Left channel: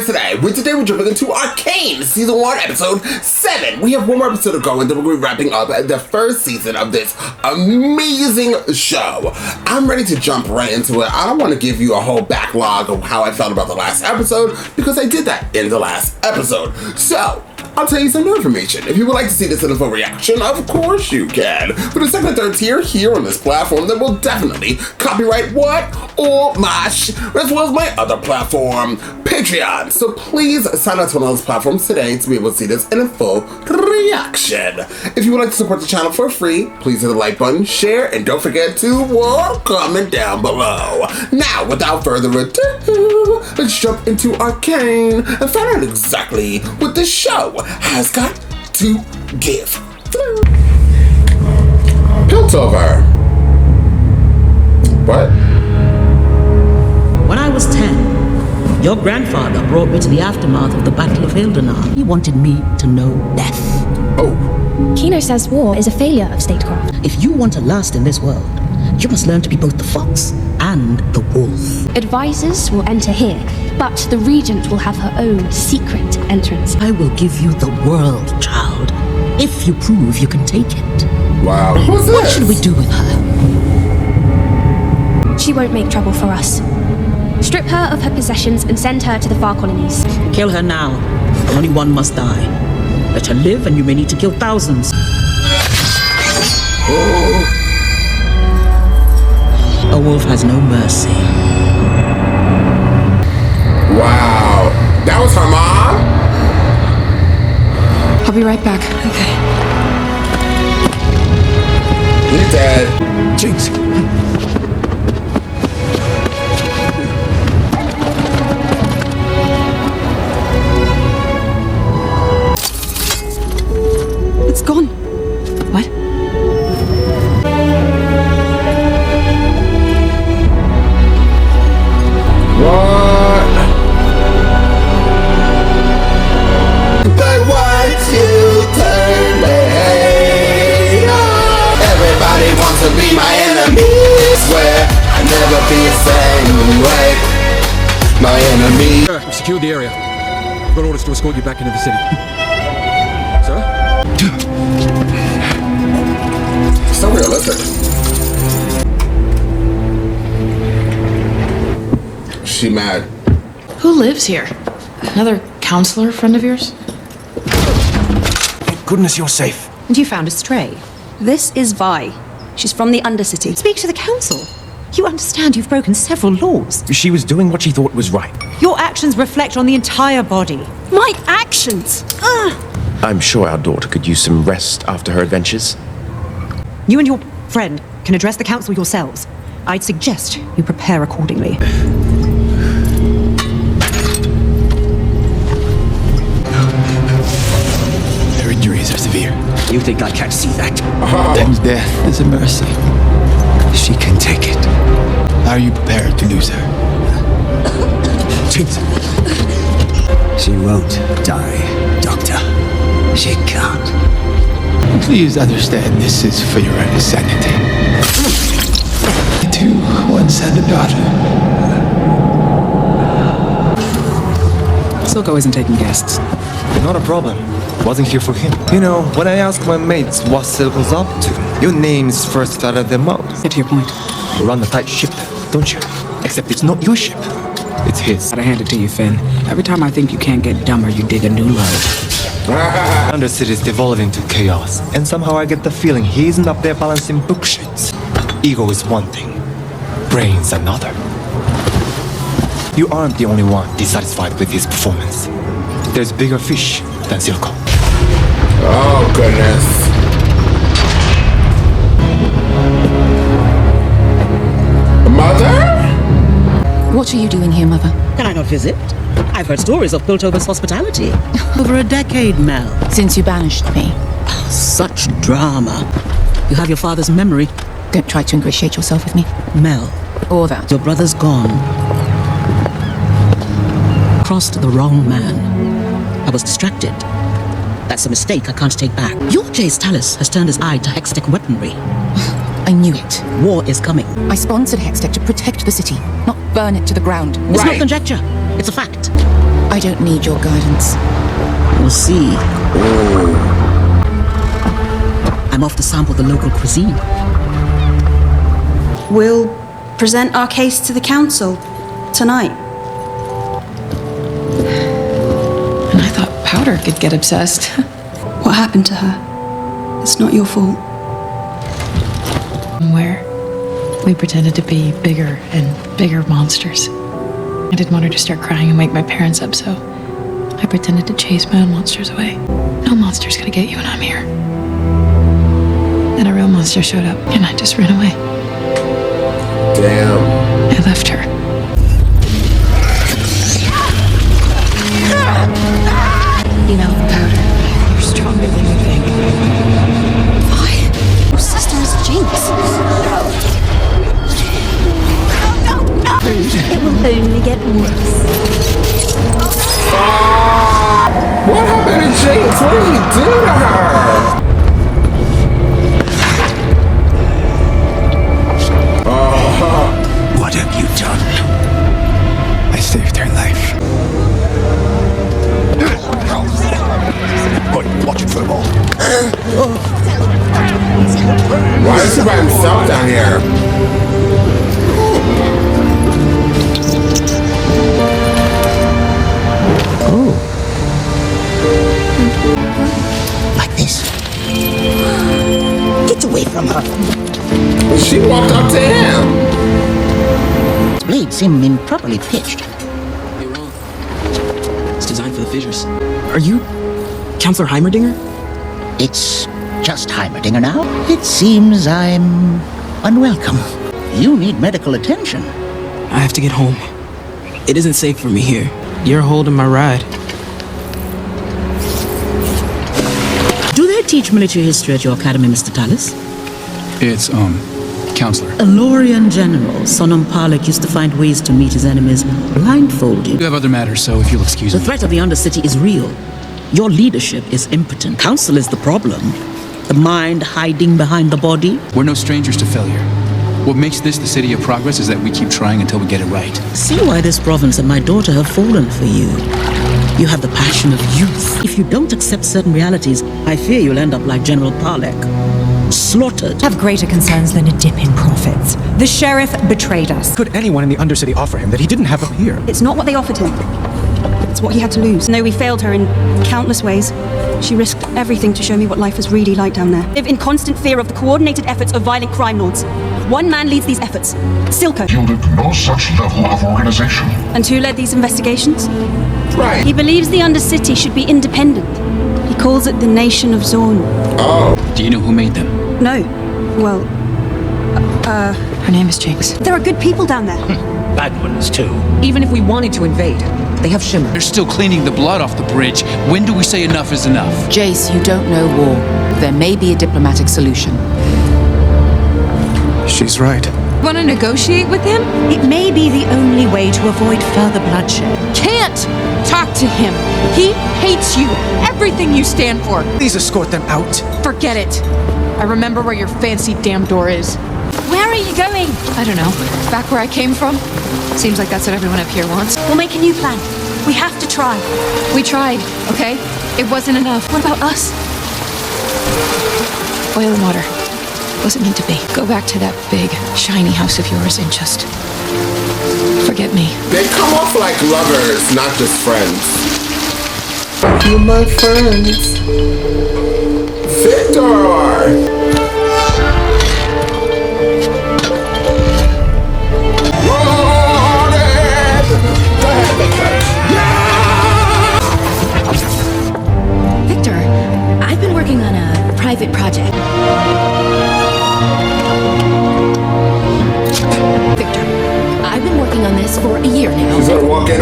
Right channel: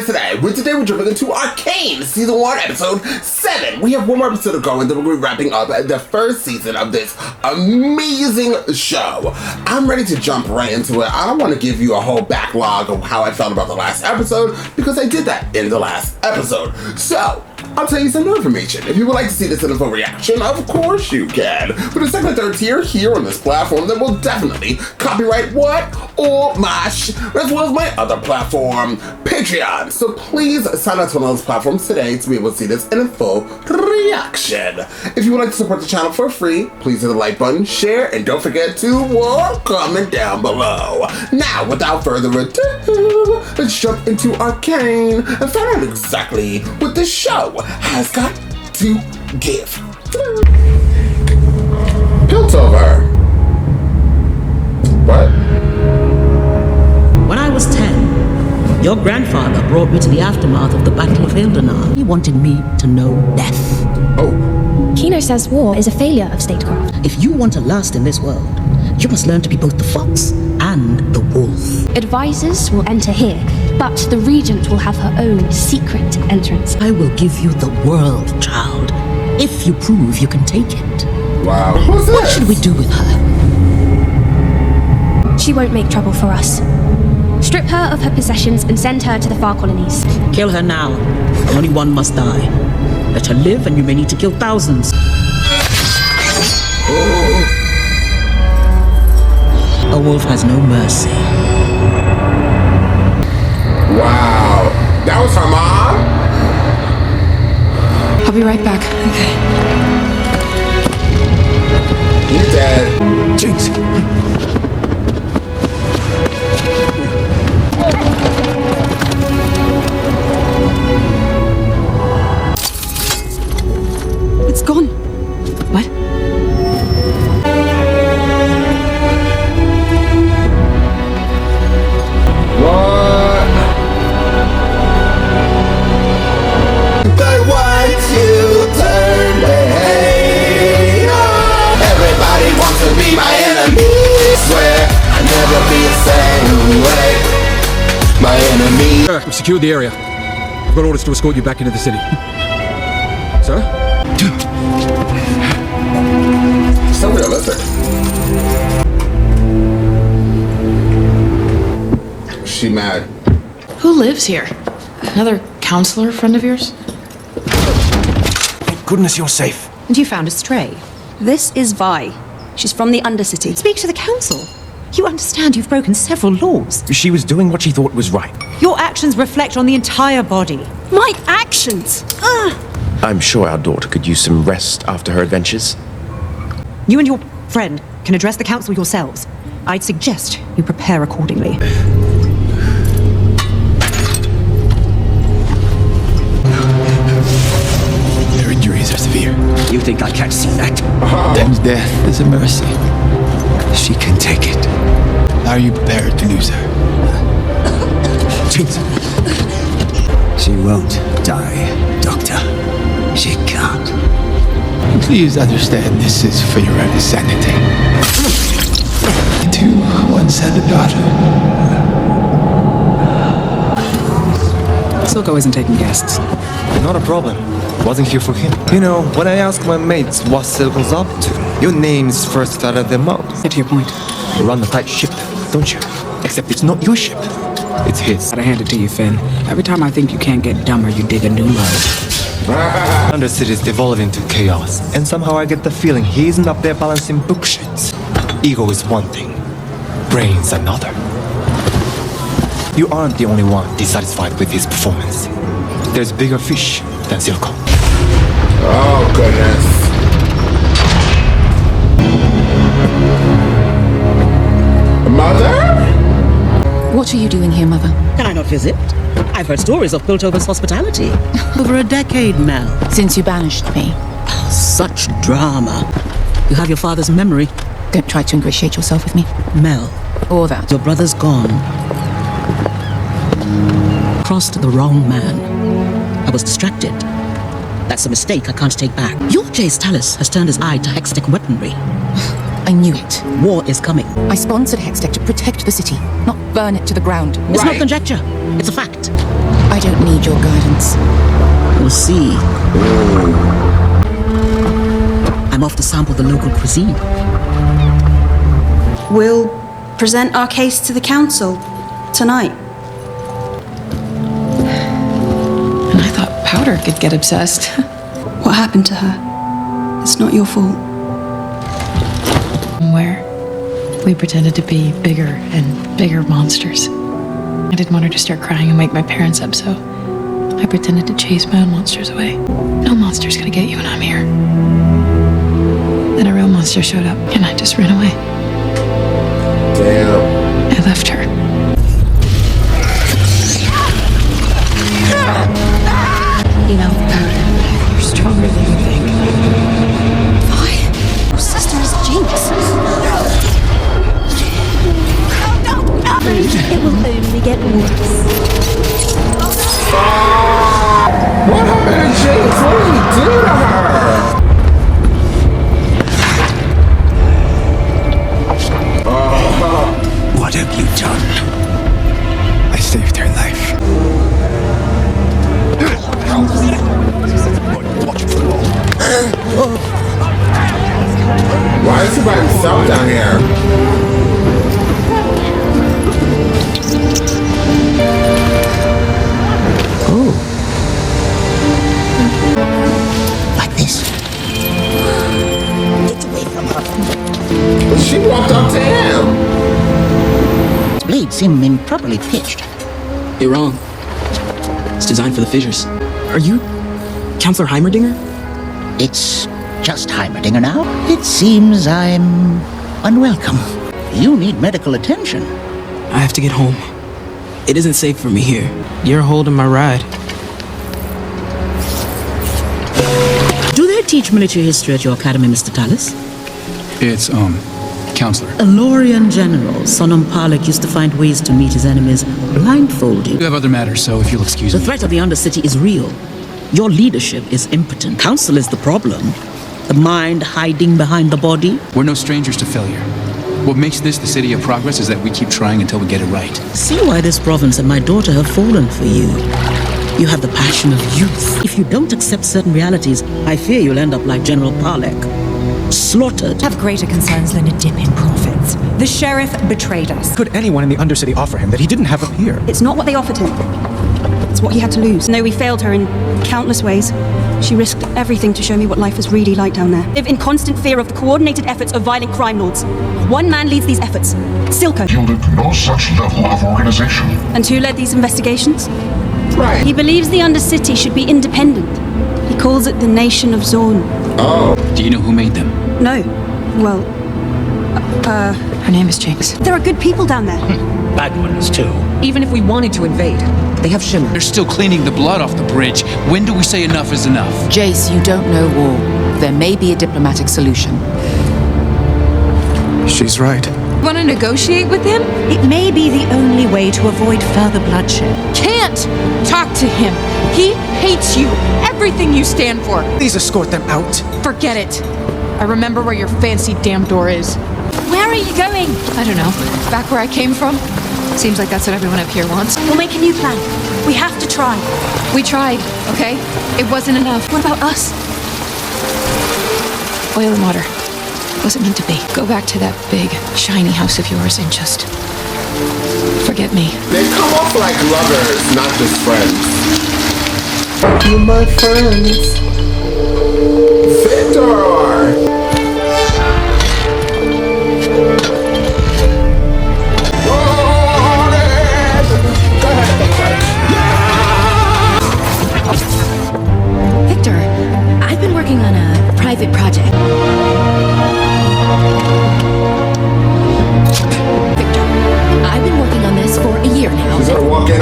today. Today we're jumping into Arcane, Season 1, Episode 7. We have one more episode to go, and then we're going to be wrapping up the first season of this amazing show. I'm ready to jump right into it. I don't want to give you a whole backlog of how I felt about the last episode, because I did that in the last episode. So, I'll tell you some new information. If you would like to see this in a full reaction, of course you can. For the second and third tier here on this platform, then we'll definitely copyright what? All my as well as my other platform, Patreon. So please sign up to one of those platforms today to be able to see this in a full reaction. If you would like to support the channel for free, please hit the like button, share, and don't forget to comment down below. Now, without further ado, let's jump into Arcane and find out exactly what this show has got to give. Piltover. What? When I was 10, your grandfather brought me to the aftermath of the Battle of Hildenar. He wanted me to know death. Oh. Kino says war is a failure of statecraft. If you want to last in this world, you must learn to be both the fox and the wolf. Advisors will enter here, but the regent will have her own secret entrance. I will give you the world, child, if you prove you can take it. Wow. Who's this? What should we do with her? She won't make trouble for us. Strip her of her possessions and send her to the far colonies. Kill her now. Only one must die. Let her live and you may need to kill thousands. A wolf has no mercy. Wow. That was her mom? I'll be right back. Okay. You dead. Jinx. It's gone. What? What? I want to turn the hate. Everybody wants to be my enemy. Swear I'll never be the same way. My enemy. Sir, we've secured the area. I've got orders to escort you back into the city. Sir? So realistic. She mad. Who lives here? Another counselor friend of yours? Thank goodness you're safe. And you found a stray. This is Vi. She's from the Undercity. Speak to the council. You understand you've broken several laws. She was doing what she thought was right. Your actions reflect on the entire body. My actions! I'm sure our daughter could use some rest after her adventures. You and your friend can address the council yourselves. I'd suggest you prepare accordingly. Her injuries are severe. You think I can't see that? Then death is a mercy. She can take it. Are you prepared to lose her? She won't die, Doctor. She can't. Please understand this is for your own sanity. I too once had a daughter. Silko isn't taking guests. Not a problem. Wasn't here for him. You know, when I ask my mates what Silko's up to, your name's first out of their mouths. Get to your point. You run the tight ship, don't you? Except it's not your ship. It's his. Gotta hand it to you, Finn. Every time I think you can't get dumber, you dig a new life. Undercity's devolving to chaos. And somehow I get the feeling he isn't up there balancing bookshelves. Ego is one thing, brains another. You aren't the only one dissatisfied with his performance. There's bigger fish than Silko. Oh, goodness. Mother? What are you doing here, Mother? Can I not visit? I've heard stories of Piltover's hospitality. Over a decade, Mel. Since you banished me. Such drama. You have your father's memory. Don't try to ingratiate yourself with me. Mel, Or that. your brother's gone. Crossed the wrong man. I was distracted. That's a mistake I can't take back. Your Jay's Talus has turned his eye to Hextech weaponry. I knew it. War is coming. I sponsored Hextech to protect the city, not burn it to the ground. It's not conjecture. It's a fact. I don't need your guidance. We'll see. I'm off to sample the local cuisine. We'll present our case to the council tonight. And I thought Powder could get obsessed. What happened to her? It's not your fault. Where we pretended to be bigger and bigger monsters. I didn't want her to start crying and wake my parents up, so I pretended to chase bad monsters away. No monster's gonna get you when I'm here. Then a real monster showed up, and I just ran away. Damn. I left her. You know, you're stronger than you think. Your sister is a Jinx. What happened to Jinx? What did he do to her? What have you done? I saved her life. Watch it for the ball. Why is he by himself down here? Oh. Like this. Get away from her. Well, she walked up to him. Its blades seem improperly pitched. You're wrong. It's designed for the fissures. Are you? Counselor Heimerdinger? It's just Heimerdinger now. It seems I'm unwelcome. You need medical attention. I have to get home. It isn't safe for me here. You're holding my ride. Do they teach military history at your academy, Mr. Dallas? It's, Counselor. A Lorian general, Sonam Palak, used to find ways to meet his enemies blindfolded. We have other matters, so if you'll excuse The me. threat of the Undercity is real. Your leadership is impotent. Council is the problem. The mind hiding behind the body. We're no strangers to failure. What makes this the city of progress is that we keep trying until we get it right. See why this province and my daughter have fallen for you. You have the passion of youth. If you don't accept certain realities, I fear you'll end up like General Palak. Slaughtered. Have greater concerns than a dip in profits. The sheriff betrayed us. Could anyone in the Undercity offer him that he didn't have him here? It's not what they offered him. It's what he had to lose. No, we failed her in countless ways. She risked everything to show me what life is really like down there. Live in constant fear of the coordinated efforts of violent crime lords. One man leads these efforts. Silco. No such level of organization. And who led these investigations? Right. He believes the Undercity should be independent. He calls it the Nation of Zorn. Oh. Do you know who made them? No. Well, My name is Jinx. there are good people down there. Bad ones, too. Even if we wanted to invade, They have shimmer. They're still cleaning the blood off the bridge. When do we say enough is enough? Jace, you don't know war. There may be a diplomatic solution. She's right. Want to negotiate with him? It may be the only way to avoid further bloodshed. can't talk to him. He hates you. Everything you stand for. Please escort them out. Forget it. I remember where your fancy damn door is. Where are you going? I don't know. Back where I came from. Seems like that's what everyone up here wants. We'll make a new plan. We have to try. We tried, okay? It wasn't enough. What about us? Oil and water. It wasn't meant to be. Go back to that big, shiny house of yours and just forget me. They come off like lovers, not just friends. You my friends. Victor! Victor, I've been working on a private project. Victor, I've been working on this for a year now. She's gonna walk in.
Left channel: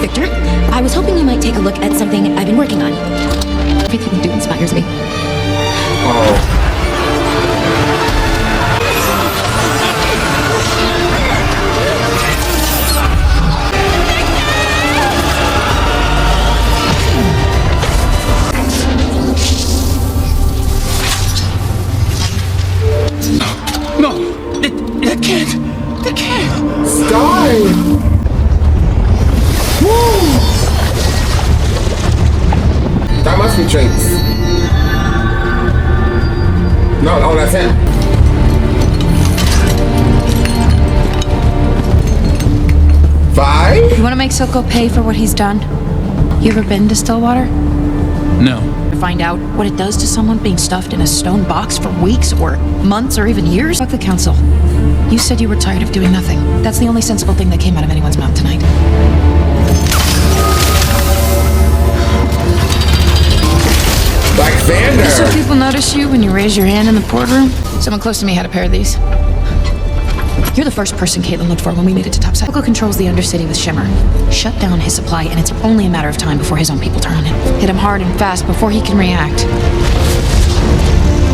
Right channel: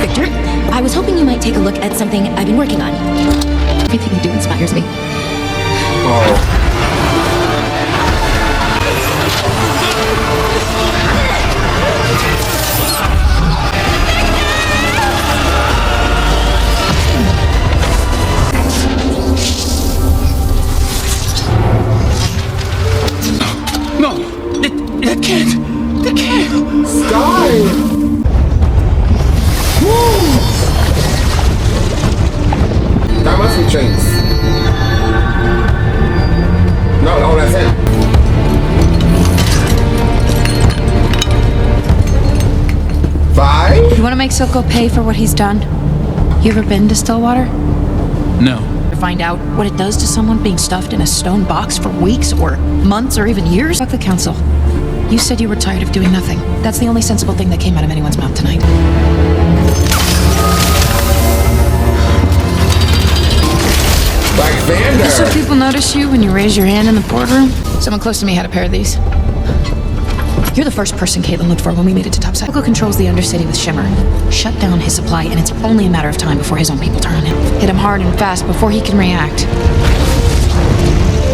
Victor, I was hoping you might take a look at something I've been working on. Everything you do inspires me. Oh. No! They can't! They can't! Sky! want to make Silco pay for what he's done? You ever been to Stillwater? No. To find out what it does to someone being stuffed in a stone box for weeks or months or even years? Fuck the council. You said you were tired of doing nothing. That's the only sensible thing that came out of anyone's mouth tonight. Like Vander. So people notice you when you raise your hand in the boardroom? Someone close to me had a pair of these. You're the first person Caitlyn looked for when we made it to topside. Silco controls the Undercity with Shimmer. Shut down his supply, and it's only a matter of time before his own people turn on him. Hit him hard and fast before he can react.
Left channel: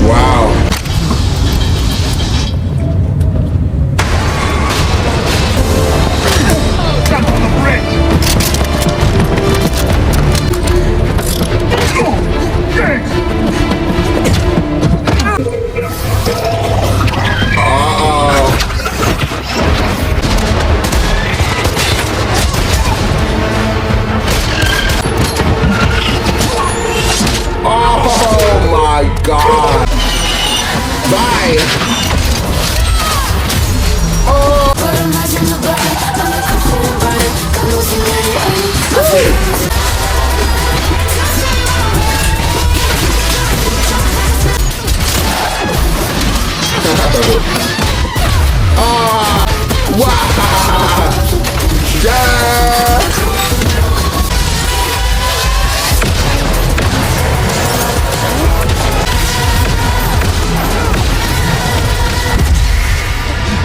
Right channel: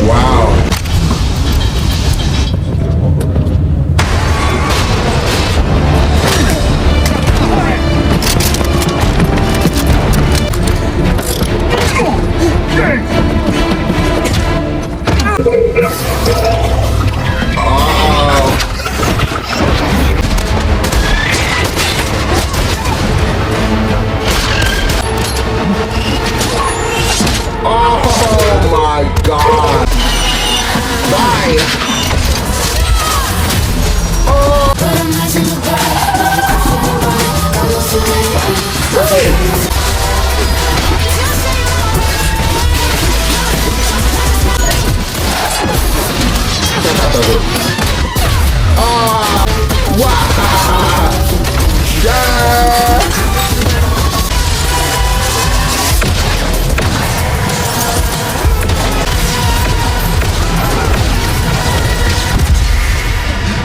Wow.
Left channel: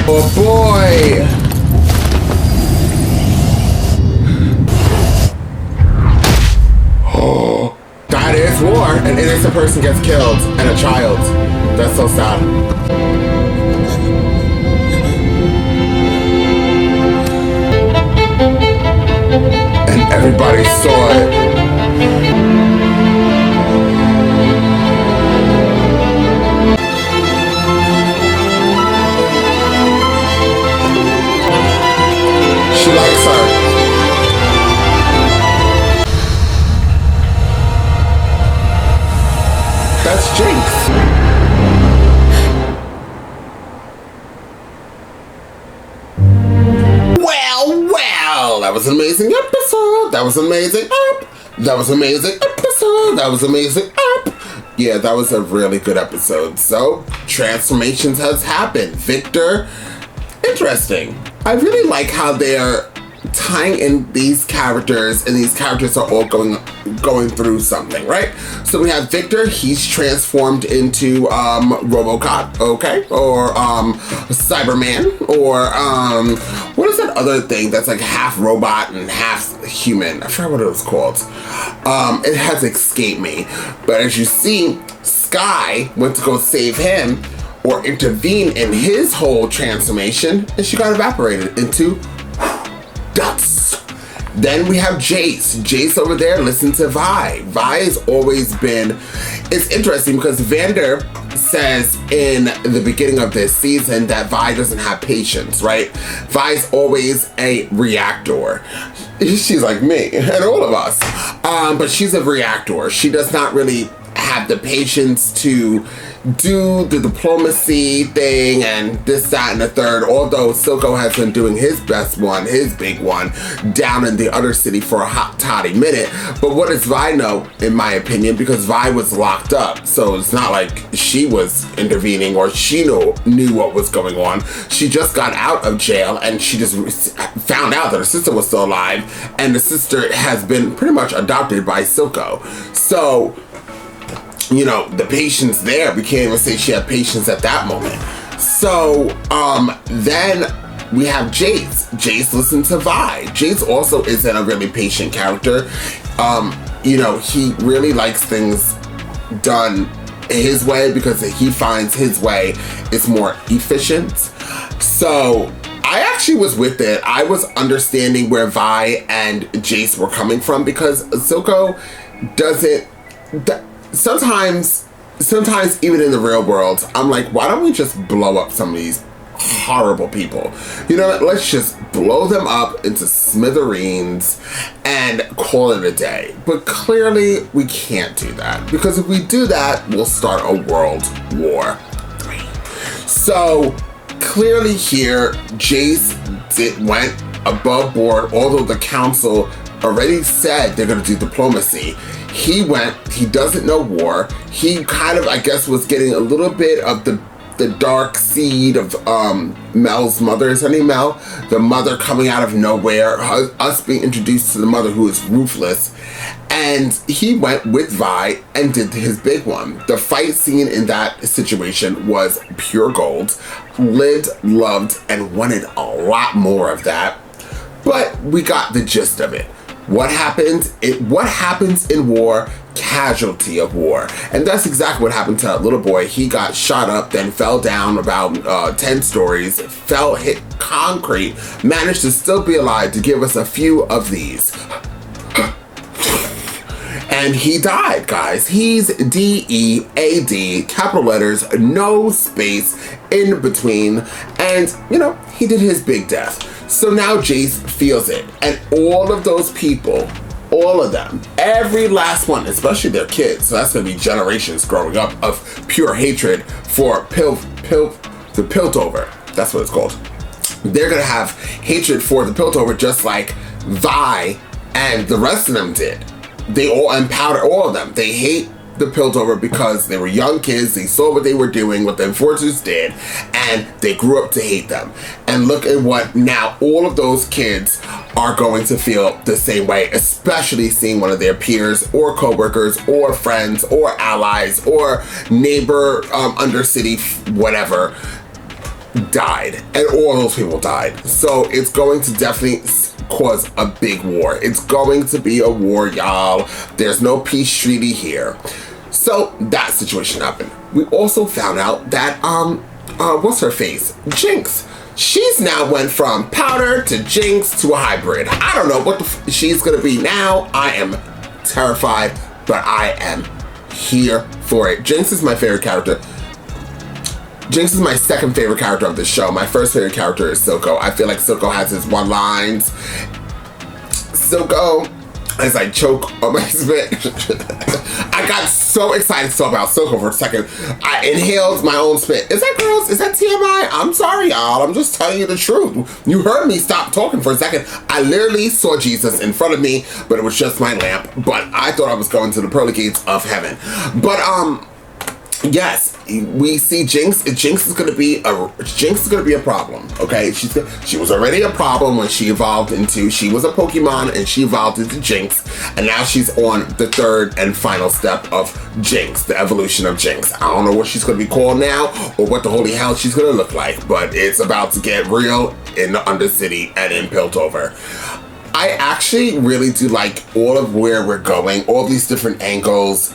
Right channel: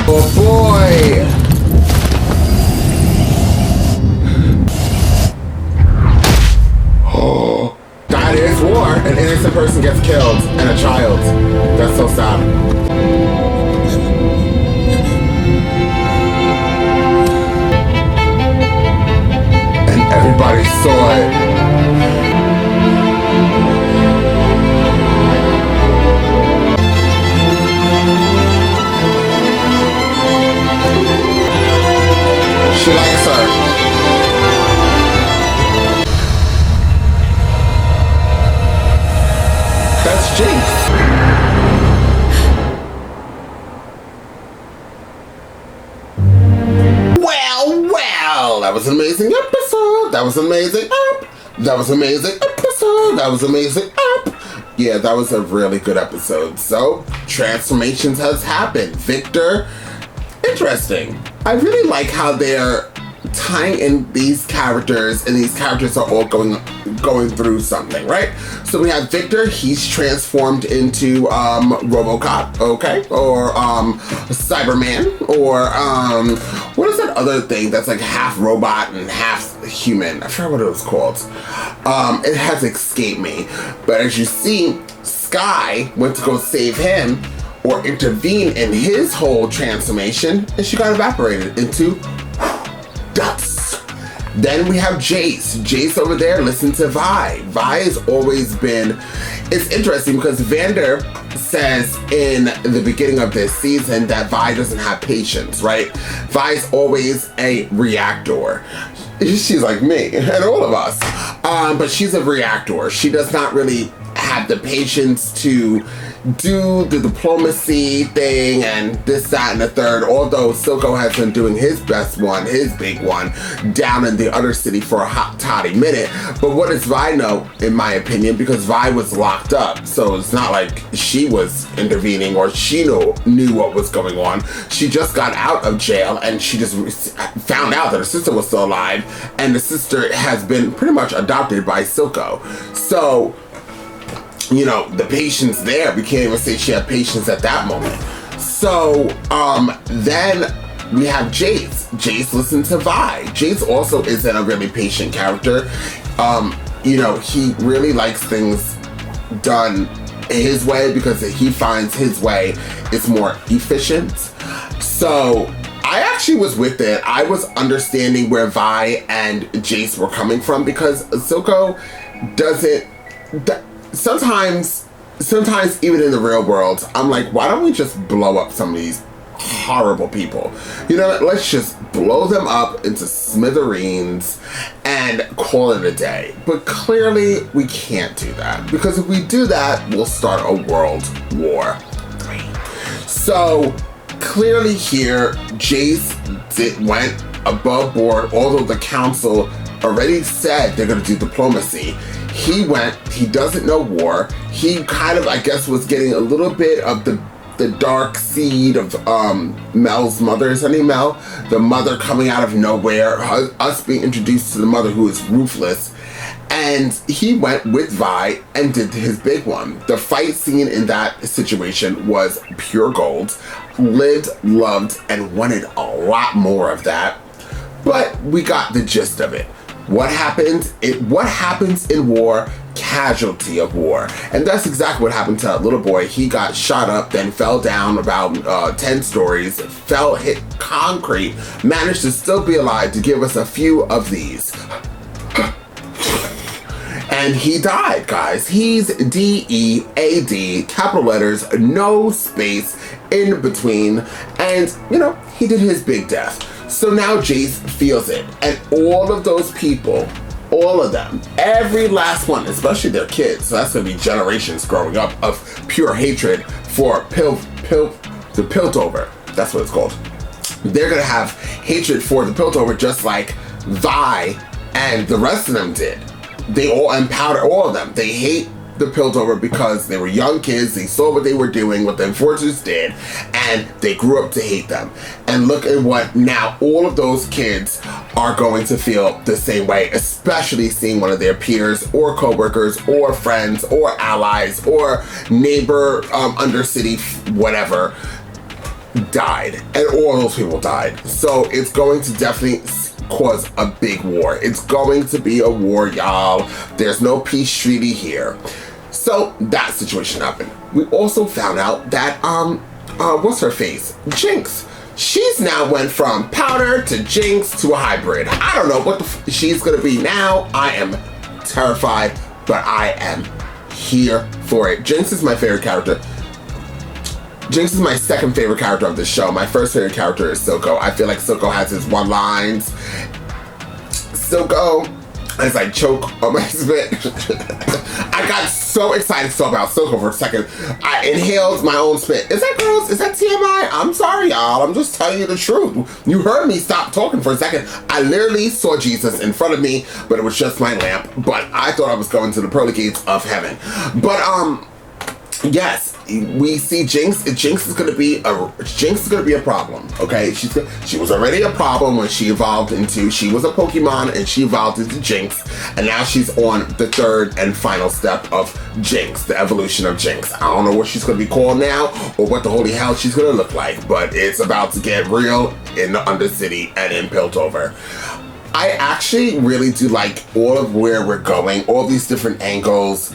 Oh boy! Oh. God is war, an innocent person gets killed, and a child. That's so sad. And everybody saw it. She likes her. That's Jinx. Well, that was an amazing episode. That was amazing. That was amazing episode. That was amazing. Yeah, that was a really good episode. So, transformations has happened. Victor, interesting. I really like how they're tying in these characters, and these characters are all going through something, right? So we have Victor, he's transformed into RoboCop, okay? Or Cyberman, or what is that other thing that's like half robot and half human? I forgot what it was called. It has escaped me. But as you see, Sky went to go save him or intervene in his whole transformation, and she got evaporated into dust. Then we have Jace. Jace over there, listen to Vi. Vi has always been, it's interesting because Vander says in the beginning of this season that Vi doesn't have patience, right? Vi's always a reactor. She's like me and all of us. But she's a reactor. She does not really have the patience to do the diplomacy thing and this, that, and the third, although Silco has been doing his best one, his big one, down in the Undercity for a hot toddy minute. But what does Vi know, in my opinion? Because Vi was locked up, so it's not like she was intervening or she knew what was going on. She just got out of jail and she just found out that her sister was still alive, and the sister has been pretty much adopted by Silco. So, you know, the patience there, we can't even say she had patience at that moment. So, then we have Jace. Jace listens to Vi. Jace also isn't a really patient character. You know, he really likes things done his way because he finds his way is more efficient. So, I actually was with it. I was understanding where Vi and Jace were coming from because Silco doesn't... Sometimes even in the real world, I'm like, why don't we just blow up some of these horrible people? You know, let's just blow them up into smithereens and call it a day. But clearly, we can't do that. Because if we do that, we'll start a World War III. So, clearly here, Jace went above board, although the council already said they're going to do diplomacy. He doesn't know war. He kind of, I guess, was getting a little bit of the dark seed of Mel's mother. Is her name Mel? The mother coming out of nowhere, us being introduced to the mother who is ruthless. And he went with Vi and did his big one. The fight scene in that situation was pure gold. Lived, loved, and wanted a lot more of that. But we got the gist of it. What happens in war, casualty of war. And that's exactly what happened to that little boy. He got shot up, then fell down about 10 stories, hit concrete, managed to still be alive to give us a few of these. And he died, guys. He's D-E-A-D, capital letters, no space in between. And, he did his big death. So now Jace feels it. And all of those people, all of them, every last one, especially their kids, so that's going to be generations growing up of pure hatred for the Piltover. That's what it's called. They're going to have hatred for the Piltover just like Vi and the rest of them did. They all empowder all of them. They hate the Piltover because they were young kids. They saw what they were doing, what the Enforcers did, and they grew up to hate them. And look at what now all of those kids are going to feel the same way, especially seeing one of their peers or coworkers or friends or allies or neighbor, undercity, whatever, died. And all those people died. So it's going to definitely cause a big war. It's going to be a war, y'all. There's no peace treaty here. So that situation happened. We also found out that what's her face? Jinx. She's now went from powder to Jinx to a hybrid. I don't know what she's gonna be now. I am terrified, but I am here for it. Jinx is my favorite character. Jinx is my second favorite character of the show. My first favorite character is Silco. I feel like Silco has his one lines. Silco, as I choke on my spit. I got so excited to talk about Silco for a second. I inhaled my own spit. Is that gross? Is that TMI? I'm sorry, y'all. I'm just telling you the truth. You heard me stop talking for a second. I literally saw Jesus in front of me, but it was just my lamp. But I thought I was going to the pearly gates of heaven. But, yes, we see Jinx. Jinx is gonna be a problem. Okay, she was already a problem when she evolved into. She was a Pokemon and she evolved into Jinx, and now she's on the third and final step of Jinx, the evolution of Jinx. I don't know what she's gonna be called now or what the holy hell she's gonna look like, but it's about to get real in the Undercity and in Piltover. I actually really do like all of where we're going, all these different angles.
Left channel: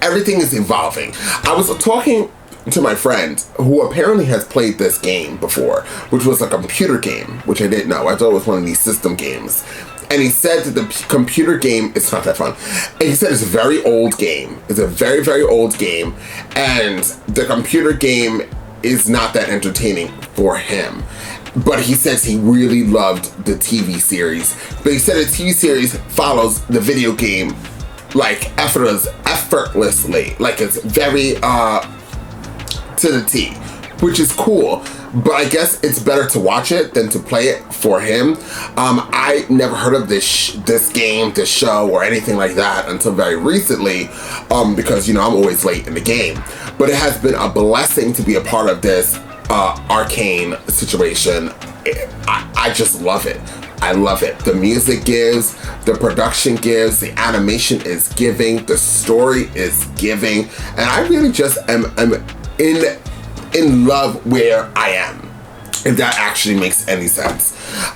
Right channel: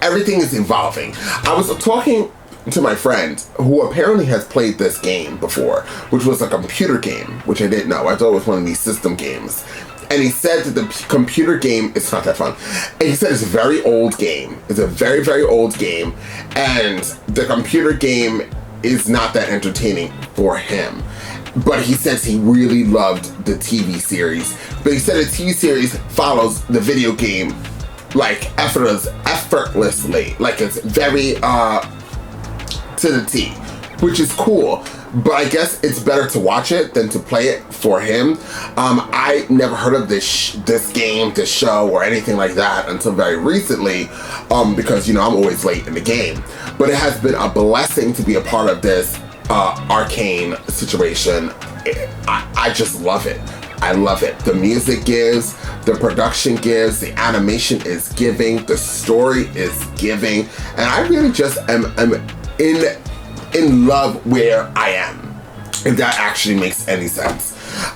Everything is evolving. I was talking to my friend who apparently has played this game before, which was a computer game, which I didn't know. I thought it was one of these system games. And he said that the computer game, it's not that fun. And he said it's a very old game. It's a very, very old game. And the computer game is not that entertaining for him. But he says he really loved the TV series. But he said the TV series follows the video game like effortlessly, like it's very to the T, which is cool. But I guess it's better to watch it than to play it for him. I never heard of this game, this show, or anything like that until very recently, because I'm always late in the game. But it has been a blessing to be a part of this Arcane situation. I just love it. I love it. The music gives, the production gives, the animation is giving, the story is giving, and I really just am in love where I am, if that actually makes any sense.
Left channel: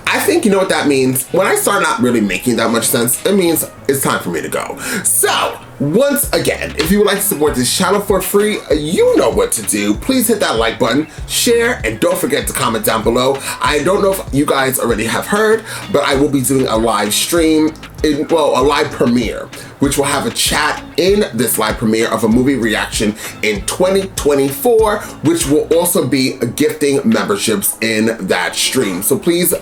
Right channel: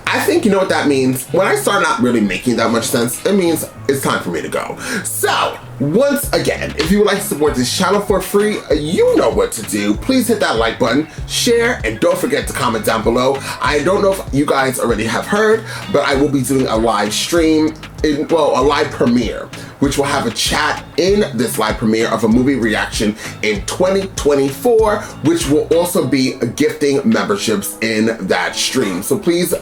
I think you know what that means. When I start not really making that much sense, it means it's time for me to go. So, once again, if you would like to support this channel for free, you know what to do. Please hit that like button, share, and don't forget to comment down below. I don't know if you guys already have heard, but I will be doing a live stream, a live premiere, which will have a chat in this live premiere of a movie reaction in 2024, which will also be gifting memberships in that stream. So please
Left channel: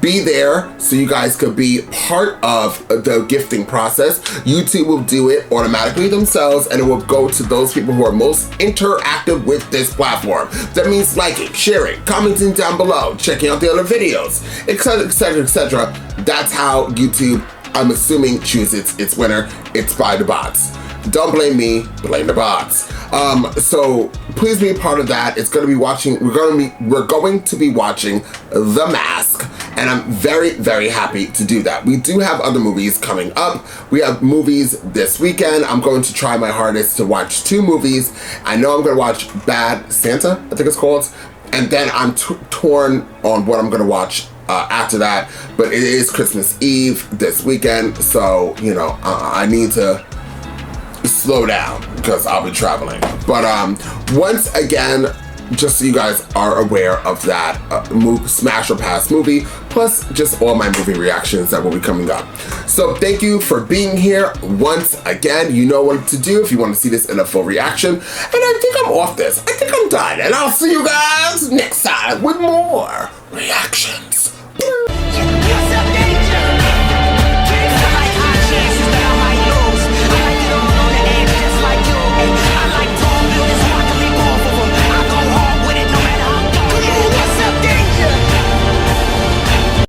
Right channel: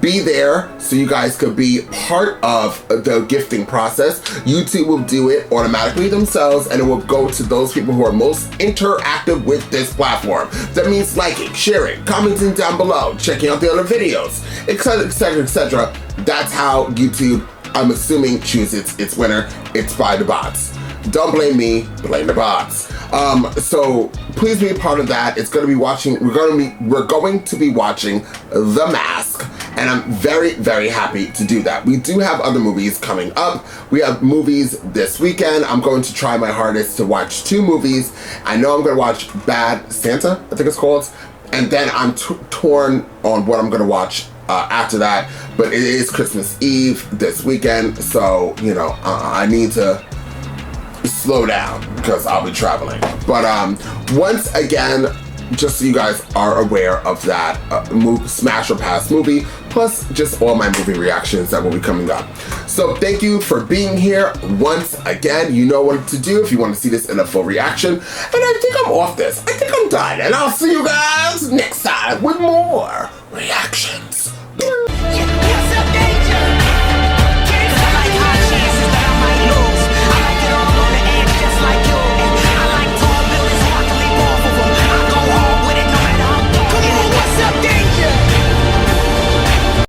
be there so you guys could be part of the gifting process. YouTube will do it it automatically themselves, and it will go to those people who are most interactive with this platform. That means liking, sharing, commenting down below, checking out the other videos, etc, etc, etc. That's how YouTube, I'm assuming, chooses its winner. It's by the bots. Don't blame me, blame the bots. So please be a part of that. It's gonna be watching, we're going to be watching The Mask, and I'm very, very happy to do that. We do have other movies coming up. We have movies this weekend. I'm going to try my hardest to watch 2 movies. I know I'm gonna watch Bad Santa, I think it's called, and then I'm torn on what I'm gonna watch after that, but it is Christmas Eve this weekend, so, you know, I need to slow down because I'll be traveling. But once again, just so you guys are aware of that Smash or Pass movie, plus just all my movie reactions that will be coming up. So thank you for being here once again. You know what to do if you want to see this in a full reaction. And I think I'm off this. I think I'm done. And I'll see you guys next time with more reaction.